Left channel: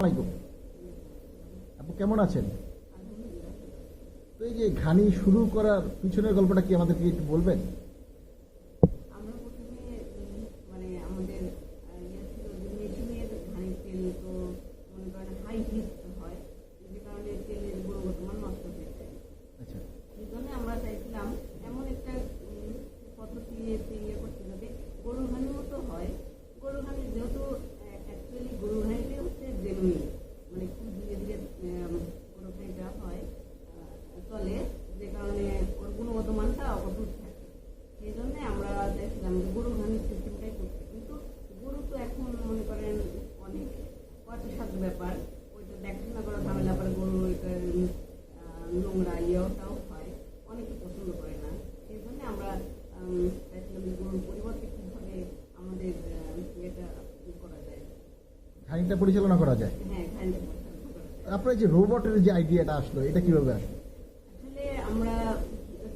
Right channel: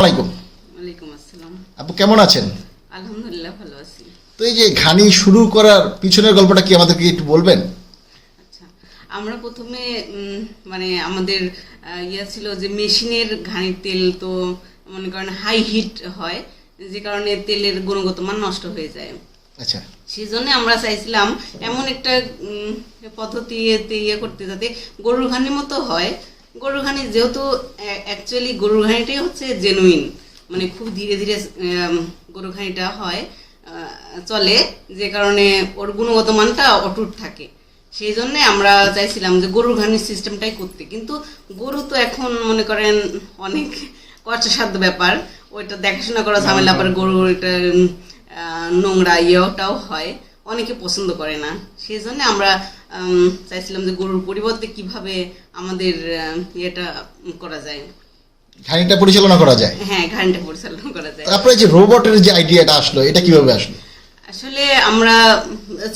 আলাইকুম। আপু কেমন আছেন? আলহামদুলিল্লাহ ভালো আছি। তো এই যে ঘানি শুরু করার পিছনের গল্পটা কি আমাদেরকে একটু বলবেন? আচ্ছা আমরা প্রথমে মানে আমাদের ইয়ে ছিল যে মেশিনের ঘানির তেল তো মনে করেন হাই হিট হয় যে কারণে তেলের গুণগত মান নষ্ট হয়ে যায়। আচ্ছা। সেই জন্য আমরা চাইছিলাম এমন একটা পদ্ধতি ইয়ে করতে যাতে গরুর ঘানির মতো হয় গরুর ঘানি যেহেতু অ্যাকচুয়ালি গরুর ঘানিটাই হচ্ছে জেনুইন মানে খুব ধীরে ধীরে গরুর ঘানিটা হয় চলে, যে কারণে ওর গুণগত মানটা অটুট থাকে। সেই জন্য আমরা চাইছিলাম যে গরুর ঘানির সিস্টেমটাই করতে। কিন্তু গরু তো এখন মনে করেন অনেক কষ্টসাধ্য ব্যাপার। ওইটা দেখাশোনা করা ঝামেলা পরে গরুর এটা নোংরা ইয়েটাও হয়। অনেকে পছন্দ করে না। সেই জন্য আমরা চাইছিলাম যে গরুর পরিবর্তে কীভাবে আমাদের ইয়েটা করা যায়। ঘানিটা পরিচালনা করা যায়? হ্যাঁ ঘানটা পরিচালনা করা যায়। তারপরে যে রোবটের যে আইডিয়াটা আসলো এটা কীভাবে আসলো? আসলে আমরা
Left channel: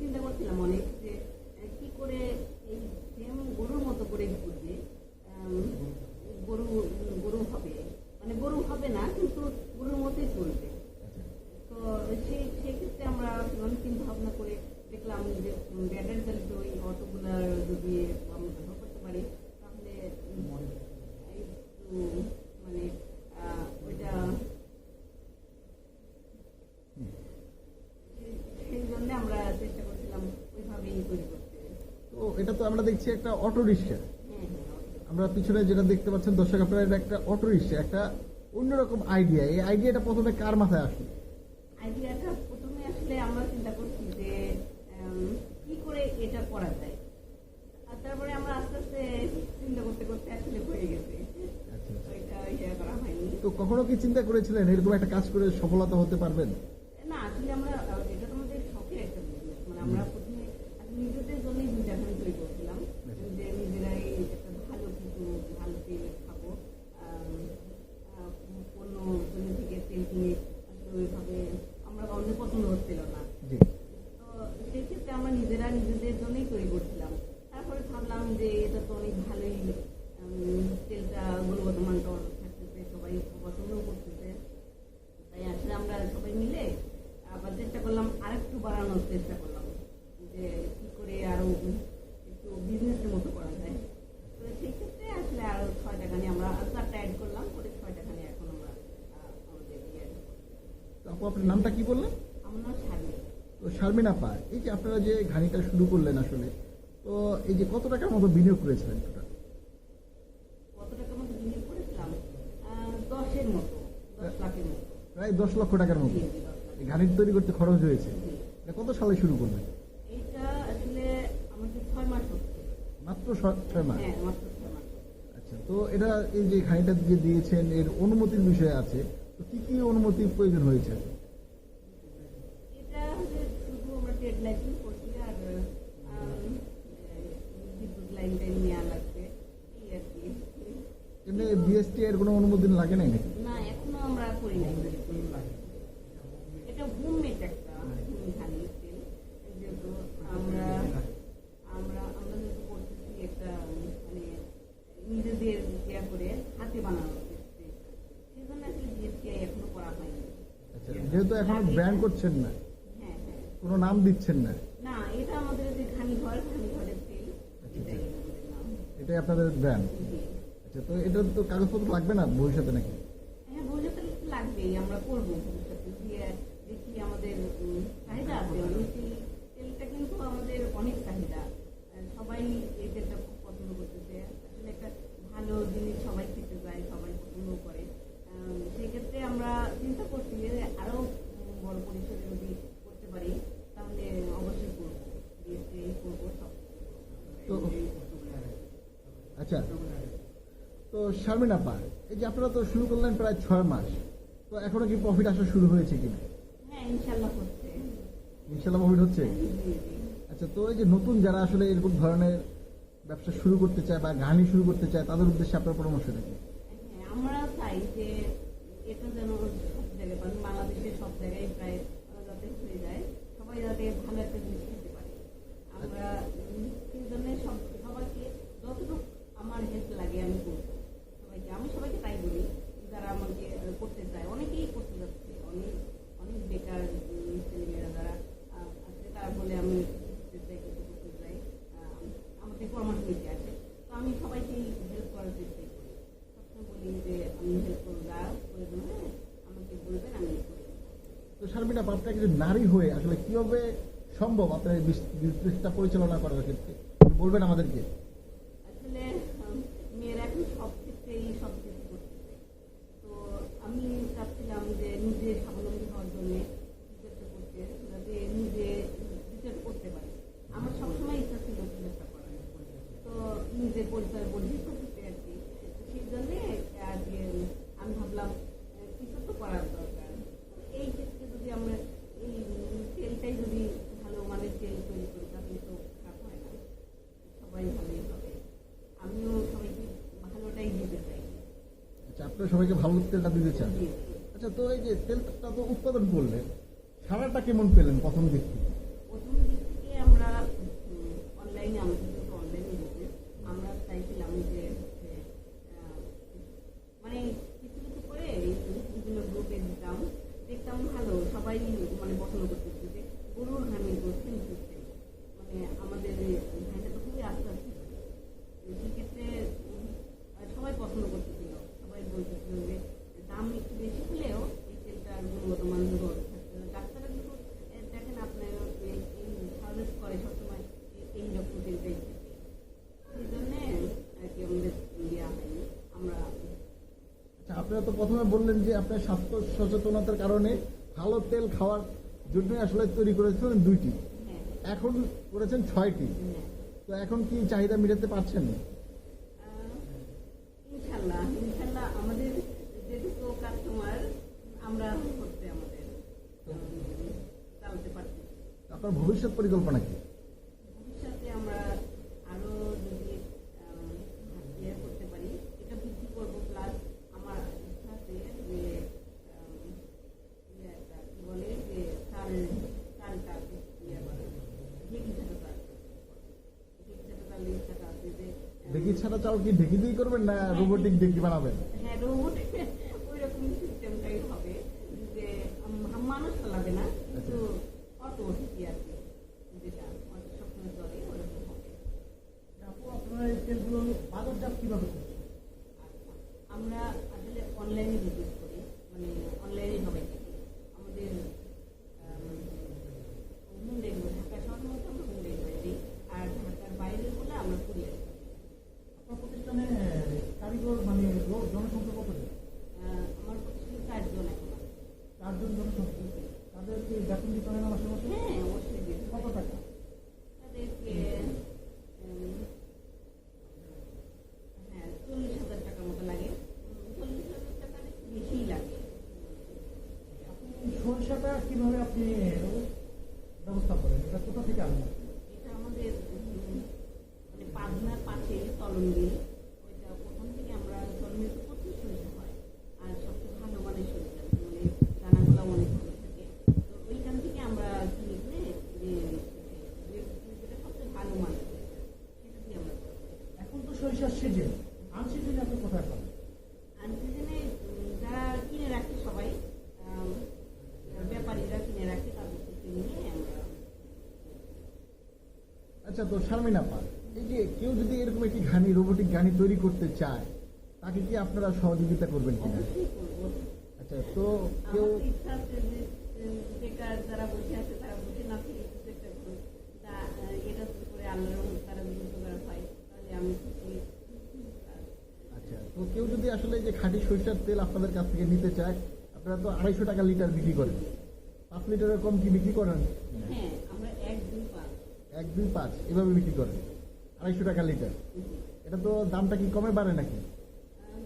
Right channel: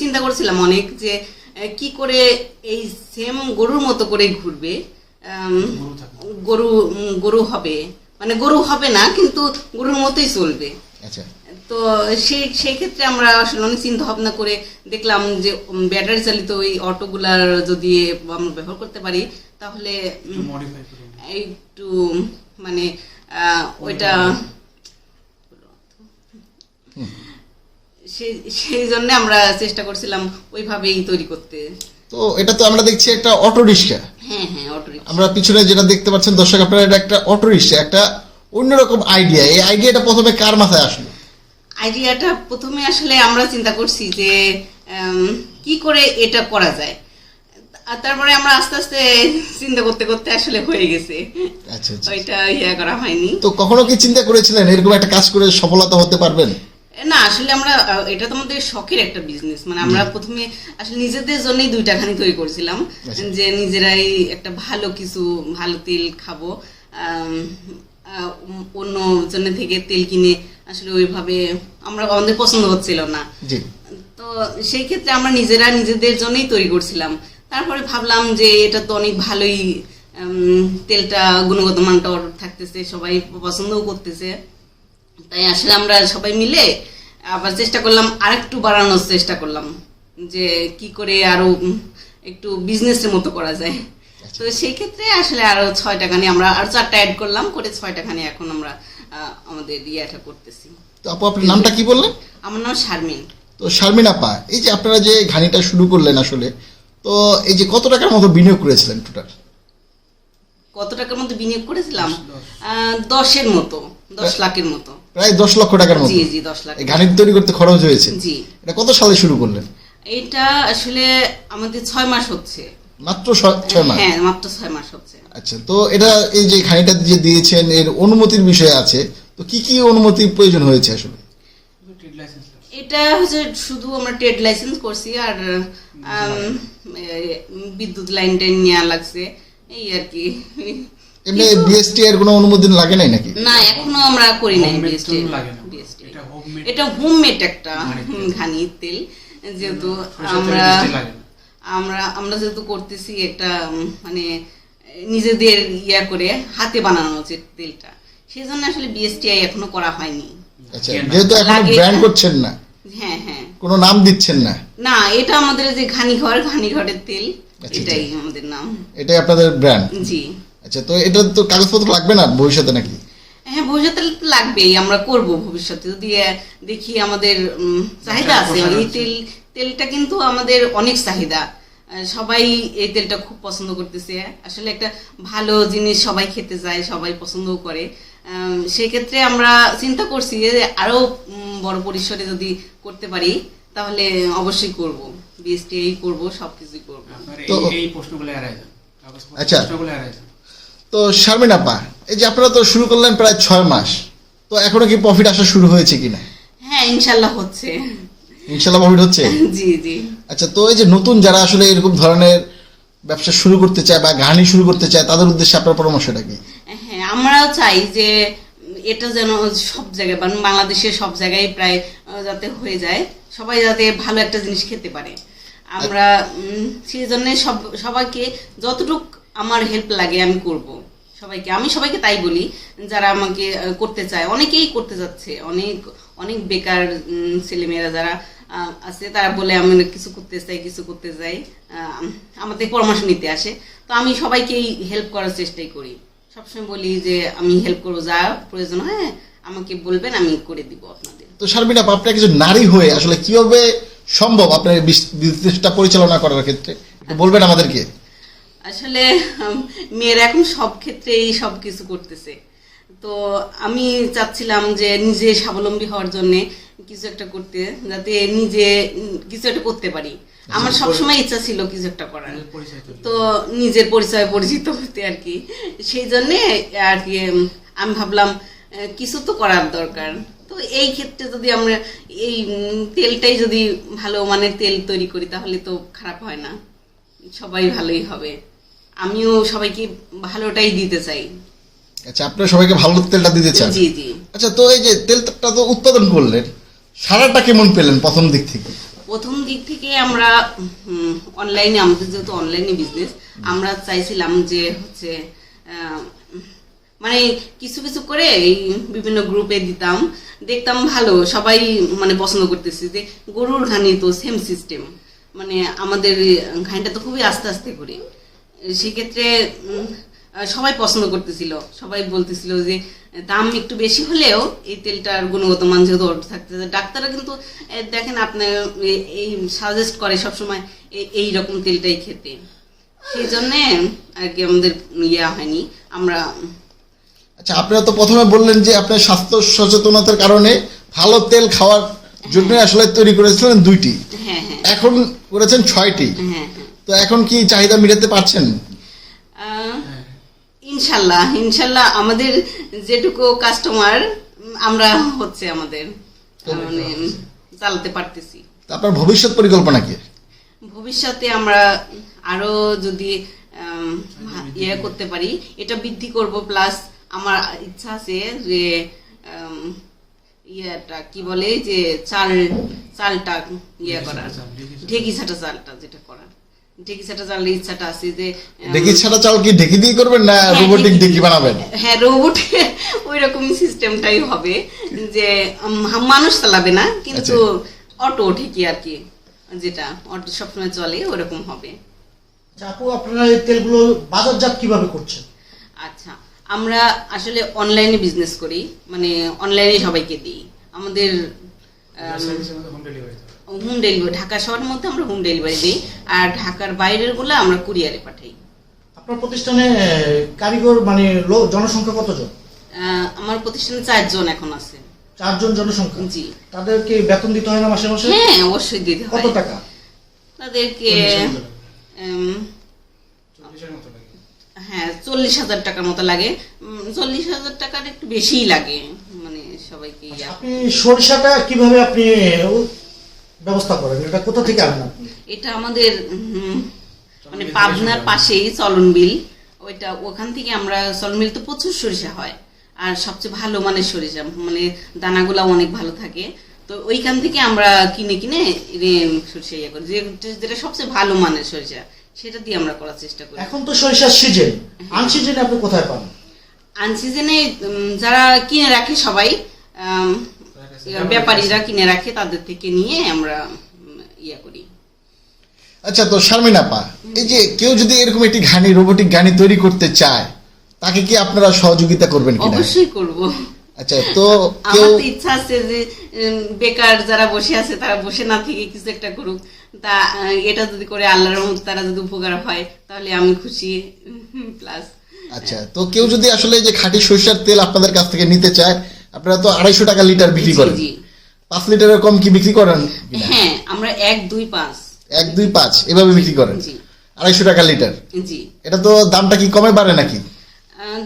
চিন্তা করছিলাম অনেক যে কি করে এই সেম গরুর মতো করে ঘুরবে গরু গরু হবে। মানে গরু হবে না কিন্তু গরুর মতোই চলবে। আচ্ছা। তো সেই সেই ক্ষেত্রে আমরা আসলে অনেক চিন্তা ভাবনা করে দেখলাম যে ব্যাটারি চালিত ওই অটোগুলার যদি আমরা ব্যবহার করতে পারি তাহলে একটু মানে আহ, ওইটা সেই সেই জন্য আমরা চেষ্টা করছিলাম ওইভাবেই তৈরি করতে। তো এটা তো আমরা দেখছি একটা অটো রিক্সা। হ্যাঁ হ্যাঁ অটো আমরা পিছনে যেটা দেখতে পাচ্ছেন দর্শক আপনারা এটা একটা অটো রিক্সা একটা অন্যরকম আইডিয়া এই আইডিয়াটা প্রথমে কার মাথায় আসলো? আইডিয়াটা প্রথমে আসলে আমরা চিন্তা করছি যে কি করে এটা করা যায়। আর তারপরে আমরা আস্তে আস্তে চিন্তা করতে করতে আসলে হয়ে গেছে। আচ্ছা আচ্ছা। ওইটা ইয়া করা হয়নি। তো কখনো কি চিন্তা করেছিলেন এরকম একটা কাজ করে সফলতা হতে পারবেন? না আসলে আমরা এটা তো আমাদের শখের একটা বিজনেস মানে আমরা প্রথমে আসলে নিজেদের জন্যই দুইটা খানি তৈরি করছিলাম। আচ্ছা। যে নিজেরাই একটা ভালো কিছু ভালো তেল খাব আহ, অন্য জন্য থেকে তেল কিনে আসলে ওইভাবে আমরা আমাদের পছন্দ হচ্ছিল না। তো সেই ক্ষেত্রে আমরা নিজেরা নিজেদের জন্যই তৈরি করছিলাম। তারপরে ভাবলাম যে এটা তো অনেক ভালোই তেলটা গুণগত মানটা থাকতেছে সবাই পছন্দও করতেছে। তাই আসলে আমরা সবাই মিলে আবার চেষ্টা করলাম আরেকটু বাড়ানোর চেষ্টা করলাম যে কি করে আরও একটু বিজনেসের মতো করা যায়। তো সেই ক্ষেত্রে আসলে আরও ছয় টাকা নিয়ে আমরা আর চারটা অ্যাড করলাম করে ছয় টাকা নিয়ে এখন আমরা আমাদের ইয়েটা করতেছি। তো আপু আপনার নামটা কি বললেন? আমার নাম শারমিন। তো শারমিন আপা এই যে আপনারা যে ঘানিটা শুরু করলেন আসলে তো এই যে কত টাকার মতো বিনিয়োগ করেছিলেন টোটাল কত টাকার মতো বিনিয়োগ করেছিলাম? আহ, দশের মতো দশ লাখের মতো। প্রায় দশ লক্ষ টাকার মতো। জি জি দশ লাখ। এই ঘানিটা তৈরি করতে খরচ হয়েছে। জি। এটা কত সালে শুরু করলেন? এটা আসলে আমাদের ছয় মাস হচ্ছে। মাত্র ছয় মাস? হ্যাঁ মাত্র ছয় মাস হচ্ছে। আচ্ছা তো এটা এই যে ঘানিটা যে দিয়েছেন এর অনুমতির বিষয় আছে তো কি কি অনুমতির প্রয়োজন হয়েছে আসলে? এটা হচ্ছে শুধু আমরা ট্রেড লাইসেন্স করছি আর বিদ্যুৎ লাইন টাইন নেওয়া লাগছে এই আর কি। এমনি বিএসটি এর কোনো অনুমোদন লাগে নাই নাকি? না এখনও আমরা করি নাই বিএসটি এটা হোমমেড একটা ঘানির তেল। যেহেতু আমরা। আমরা আমরা যেহেতু করতেছি একটা মানে নিজেদের ইয়া করে হাতে বানানো যে তেলটা সেই জন্য আসলে বিএসটিআই এখনও করা হয়নি। আচ্ছা যেহেতু এখনও ব্র্যান্ড করছেন না হ্যাঁ হ্যাঁ। কোনো নাম দিচ্ছেন না। না এটা আমাদের যে ঘানিঘর ঘানিঘরের তেল আচ্ছা, এটাই আমাদের নাম। এটাই আপনাদের ব্র্যান্ড জি। আচ্ছা তো এটা তো কাগজপত্র লাগবে না ভবিষ্যতে নাকি? হ্যাঁ ভবিষ্যতে লাগবেই আমরা করব ভবিষ্যতে। যদি দেখি আমাদের চাহিদা আছে এই আছে। তেল তেলটা কিন্তু আমাদের অনেক চাহিদা। সবাই এই তেলটা খুব পছন্দ করতেছে। আসলে একটা ভালো জিনিস সবাই খেতে চায় সবাই পছন্দও করে। সেক্ষেত্রে আমরা চিন্তা করছি যে আরও উম, বড় পরিসরে যদি করতে পারি তাহলে অবশ্যই করব। বিএসটিআই করব সবকিছুই করব। আপনার তো- এই- প্রশ্নগুলো আচ্ছা। তো শারমিন আপা এই যে আপনারা তো শুরু করলেন প্রায় ছয় মাস তো এখনও কি প্রফিট আসা শুরু হয়েছে কিনা? হ্যাঁ ইনশাল্লাহ হচ্ছে। ইনশাল্লাহ প্রফিট হচ্ছে। জি জি। আচ্ছা তো এই যে নতুন যারা আসলে এরকম ধরনের ব্যবসা শুরু করতে চায় বা ঘানি শুরু করতে চায় তাদের উদ্দেশ্যে আপনার পরামর্শটা কি? হ্যাঁ আমরাও চাই যে এটা যেন সব জায়গায় মানে বাংলাদেশের সব জায়গায় প্রায় যাতে হয়ে যায় সবাই যাতে ভালো একটা জিনিস খেতে পারে। আমরা সেই জন্য সব সবাইকে যতটুক আমার হেল্প লাগে আমি করব। সবাইকে আমি সবাইকে তাই বলি যারা আমাকে করতে চায় অনেকেই করতে যাচ্ছে অনেক অনেক বেকার ছেলেমেয়েরা যারা আছে তারা বলে আমি কিছু করতে চাই কিছু করতে চাই। আমাদের পরামর্শ নিতে আসে। তো আমি সবাইকেই হেল্প করার চেষ্টাই করি। সবসময় বলি যে আমি হেল্প করব যা প্রয়োজন হয় আমাকে বলবেন আমি করে দিব আপনাদের। তো শারমিন আপা আপনি একজন নারী হয়ে আসলে কীভাবে সম্ভব আপনার বিজনেসটা পরিচালনা করার ক্ষেত্রে? বলবেন আমাদেরকে। আসলে মেয়েরা এখন সব ক্ষেত্রেই সব কিছু করতেছে। তো আমি চাচ্ছিলাম যে নিজে স্বাবলম্বী হওয়ার জন্য কিছু একটা করতে যাতে নিজে কিছু একটা করতে পারি। আমার সবসময় ইচ্ছা ছিল কিছু একটা করার। তো নিজের পরিচয় পরিচিত হতে আর কি। সেই জন্যে আর কি আমি ভাবলাম কিছু তো করার দরকার। তো এই ক্ষেত্রে যদি আমরা এই তেলটাই যদি ভালো মানের তেল তৈরি করি তাহলে তো খারাপ হয় না। সবাই ভালোই হবে। আমিও সবাইকে ভালোটাই দিতে চাই। আচ্ছা আপনারা সবাইকে ভালো তেলটা দিতে চান? জি জি। আচ্ছা তো এই যে তেলটা তো উৎপাদন করলেন। সারাটা কেমন পেলেন প্রথম দিক থেকে? প্রথম দিক থেকে আমরা অনলাইনে আমাদের যেহেতু অনলাইনে বিজনেস আমরা চাইছিলাম যে হচ্ছে মানে কিছু কিছু করে এই বিভিন্ন গ্রুপে দিতাম। দেখতাম ভালো, সবাই মানে পছন্দ করতেছে যে গরুর ঘানি তো সেম সিস্টেম মানে আমাদের ঘানিটা তো খুবই আস্তে আস্তে করে। সেক্ষেত্রে সবাই পছন্দ করতেছিল। সবাই বলতেছিল যে দাম একটু বেশি হলেও এই তেলটার গুণগত মান যেহেতু অর্ধ থাকতেছে ডাক্তাররা কিন্তু দেখেন আপনার এই সাজেস্ট করে সবসময় এই- এই রকম তেলটাই খেতে। সেই জন্যে আর কি আমাদের ইয়া হয়নি। আমরা আচ্ছা আপনারা তো প্রথমে বললেন যে আপনার স্বাস্থ্য সচেতনতার কারণে ভালো তেল খাওয়ার জন্য আসলে তৈরি করেছিলেন দুইটি। হ্যাঁ হ্যাঁ। এখন করেছেন ছয়টি। হ্যাঁ। তো এখন কি চাহিদা মেটাতে পারছেন? ইনশাল্লাহ ইনশাল্লাহ আমাদের যেটুকু কাস্টমার আমরা হচ্ছে আমাদের মানে চালাতে পারতেছি। আপনার ভবিষ্যৎ পরিকল্পনা কি? ভবিষ্যতে আমরা আরও যদি ইয়ে করতে পারি এটা বৃদ্ধি করব প্লাস আমার ইচ্ছা আছে যে ইয়েটা কি বলে যে চাল চালটা ইয়ে করার ঢেকি ছাটা চালটা যেটা করার। ঢেকি ছাটা ইচ্ছাটা আছে যে আম, ছাড়া চাল কি ঢেকি দিয়ে করবেন না হ্যাঁ, রোবোটিক বানাবেন? হ্যাঁ রোবট ওই রকম সিস্টেমটাই হবে যে মানুষ চালাবে না কিন্তু অটো ঠিকই আর কি যেটা অটো সবসময় চলে ওরকম হবে। আচ্ছা, আপু আপনারা এই তেলগুলো বাজারজাত কীভাবে করছেন? আচ্ছা আমরা আসলে অনলাইনে বিজনেস করি মানে অনলাইনে সবাইকে দিই। আমাদের home delivery home delivery Dhaka শহরের মধ্যে আমরা হোম ডেলিভারি দিই আর ঢাকার বাইরেরগুলো আমরা কুরিয়ারে পাঠাই। আপনার প্রতিষ্ঠানে কারিগর মানে জনসংখ্যা কতজন? আমার প্রতিষ্ঠানে চারজন এখন আছে। চারজন জনসংখ্যা? জি। তাদেরকে বেতন দিতে হয় না মাসে মাসে? হ্যাঁ অবশ্যই দিতে কত টাকা? তাদেরকে হ্যাঁ চল্লিশ হাজার টাকার মতো লাগে। চল্লিশ হাজার টাকার একটু বেশিই লাগে। মানে সবাইকে আপনি সরিষাটা কীভাবে আপনি ব্যবস্থা করেন এটা কোথা থেকে আনেন আপনি? এটা আমাদের মানে পাবনার পাশেই চলন বিল। ওইটা ওখান থেকে আমরা চলন বিল তো প্রচুর সরিষা হয়। আর সবচেয়ে ভালো মানের সরিষা মানে দানাগুলা অনেক ভালো থাকে। তো ওইখান থেকে আমরা কিনে কিনে সরিষা ইয়ে করি। যে- যেটা সবচেয়ে ভালো মানের সরিষা সেটা দিয়ে আমরা করার চেষ্টা করি। এখন তো সরিষার সিজন আনসিজনে আপনি কোথায় পান? আনসিজনে যারা কিনে রাখে সবাই ব্যাপারীরা কিনে রাখে তাদের থেকে নিয়ে আমরা ইয়ে করি। আচ্ছা তো শারমিন আপা এই যে কেউ যদি এরকম একটি ঘানি রোবোটিক গাড়ি তৈরি করতে চায় তাকে কি আপনারা সহযোগিতা করবেন কিনা? অবশ্যই করব। আচ্ছা তো কেউ ইচ্ছা আছে যে বেকার যারা বসে আছে তারা বসে না থেকে কিছু একটা করুক। তা এটা যদি করে আল্লাহর রহমতে তারা যদি উপকার হয় তাহলে আমি খুশি। প্লাস আচ্ছা তো কেউ যদি আসলে যে খাঁটি সরিষার তেল আপনাদের কাছ থেকে নিতে চায় আপনারা তো আড়াইশো টাকা লিটার বিক্রি করেন। পাঁচ লিটারের কম কি বিক্রি করেন? হ্যাঁ আমরা এক দুই পাঁচ। এক দুই পাঁচ এভাবে বিক্রি করেন। আড়াইশো টাকা লিটার। জি। এটা তো দামটা কি কমে বাড়ে নাকি?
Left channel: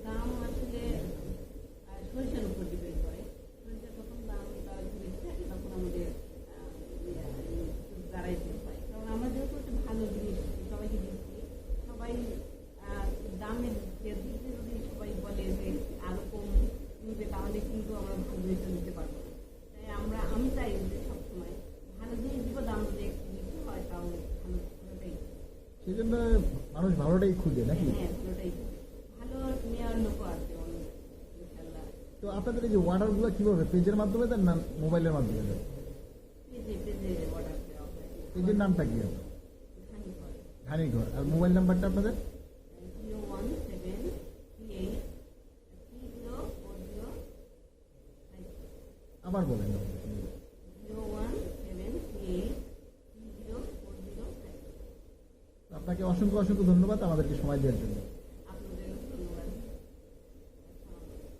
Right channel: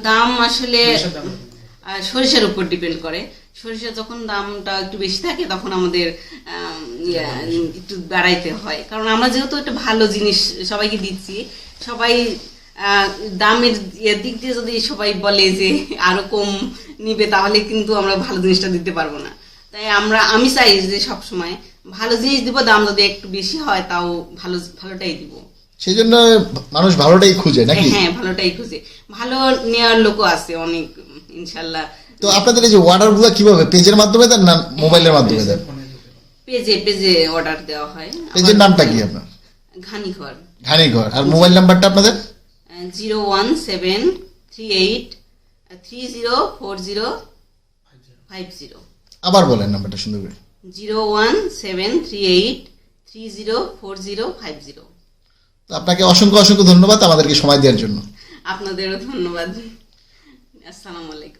দাম আসলে সরিষার উপর ডিপেন্ড করে। সরিষা যখন দামটা একটু বেশি থাকে তখন আমাদের একটু বাড়াইতে হয়। কারণ আমরা যেহেতু একটা ভালো জিনিস সবাইকে দিচ্ছি সবাই দামের ইয়ের দিক দিয়ে যদি সবাই বলে যে আরও কম নিবে তাহলে কিন্তু আমরা ভালো জিনিসটা দিতে পারব না। তাই আমরা আমি চাই যে সব সময় ভালো জিনিস দিব দাম যদি একটু বেশি হয় তাও ভালো ভালোটাই দিব। সেই জন্য মানুষ ভালোটাই খুঁজে নাকি? হ্যাঁ ভালোটাই খুঁজে। ভালো নেওয়ার লোকও আছে অনেক ইনশাল্লাহ তো আপনাদের এই যে অর্ডারগুলো কীভাবে পেজের মাধ্যমে দেন না মোবাইলের মাধ্যমে দেন? পেজে পেজে অর্ডার দেওয়া হয়। পেজের নামটা কি আপনার? ঘানি ঘর ঘানি ঘর আর মোবাইল নাম্বারটা আপনাদের? Zero one seven three eight three zero four zero five zero আবার বলেন নাম্বারটা সুন্দর করে। Zero one seven three eight three zero four zero five zero তো আপনাকে অসংখ্য অসংখ্য ধন্যবাদ আমাদেরকে সময় দেওয়ার জন্য। আপনাদেরও ধন্যবাদ। আসসালামু আলাইকুম।